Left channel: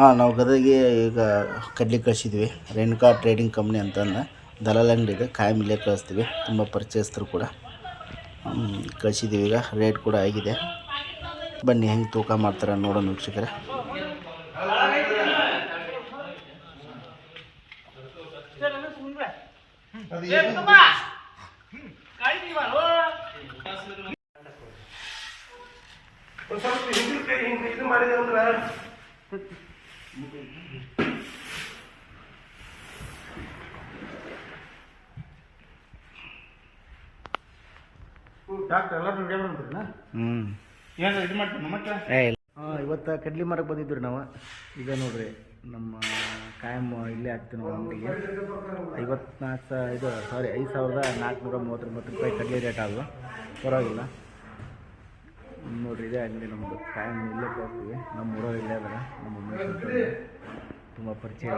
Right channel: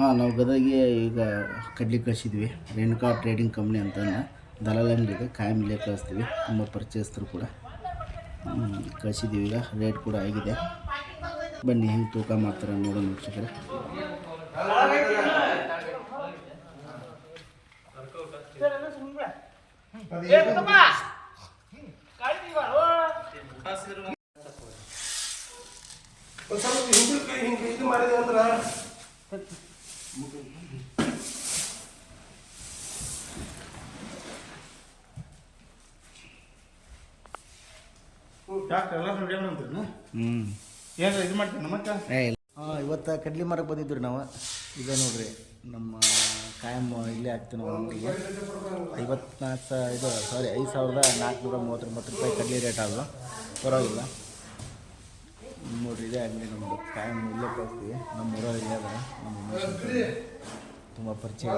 ಹಾಂ, ನಾವು ಗದಗಿಗೆ ಈಗ ಕಡ್ಲಿ ಕಳಿಸಿದ್ವಿ. ರೇಣುಕಾ ಟ್ರೇಡಿಂಗ್ ಕಂಪ್ನಿ ಅಂತಂದು ದಲಾಲ್ ಅಂಗಡಿ ಇದೆ. ಕಾಯಂ ಇಲ್ಲೇ ಕಳಿಸ್ತೀವಿ. ತುಂಬ ಪರಿಚಯಸ್ಥರು ಕೂಡ ಕಳಿಸಿದ್ದೀವಿ. ಈಗ ರೇಟ್ ಕೂಡ ಆಗಿದೆ. ಬನ್ನಿ ಹೆಂಗೆ ತೂಕ ಮಾಡ್ತಾರೆ ನೋಡೋಣ ವೀಕ್ಷಕರೇ. ಇದು ಮಾಡಿದೆ ಅಂದ್ರೆ ಇವತ್ತು ಕಡ್ಲಿ ಮಾರಕ್ಕೆ ಬಂದಿದ್ವಿ ನಾವು. ಈಗ ನೋಡ್ರಿ ನಮ್ಮ ಕಾಯಂ ಇಲ್ಲೇ ಹಾಕ್ತೀವಿ ನಾವು ಅಂಗಡಿಗೆ. 5,439 ರೂಪಾಯಿ ಕಡ್ಲಿ ರೇಟ್ ಆದವು. ಪರವಾಗಿಲ್ಲ ನೋಡ್ರಿ. ಇದೇ ಅಂಗಡಿ ನಮ್ಮದು. ಕಾಯಂ ಇಲ್ಲೇ ಕಳಿಸ್ತೀವಿ. ನಮ್ಮ ಊರಲ್ಲಿ ಇಲ್ಲೇ ಅದಾರ ನಮ್ಮ ಉಮೇಶ್ ಅಂತ ತುಂಬ ಪರಿಚಯ.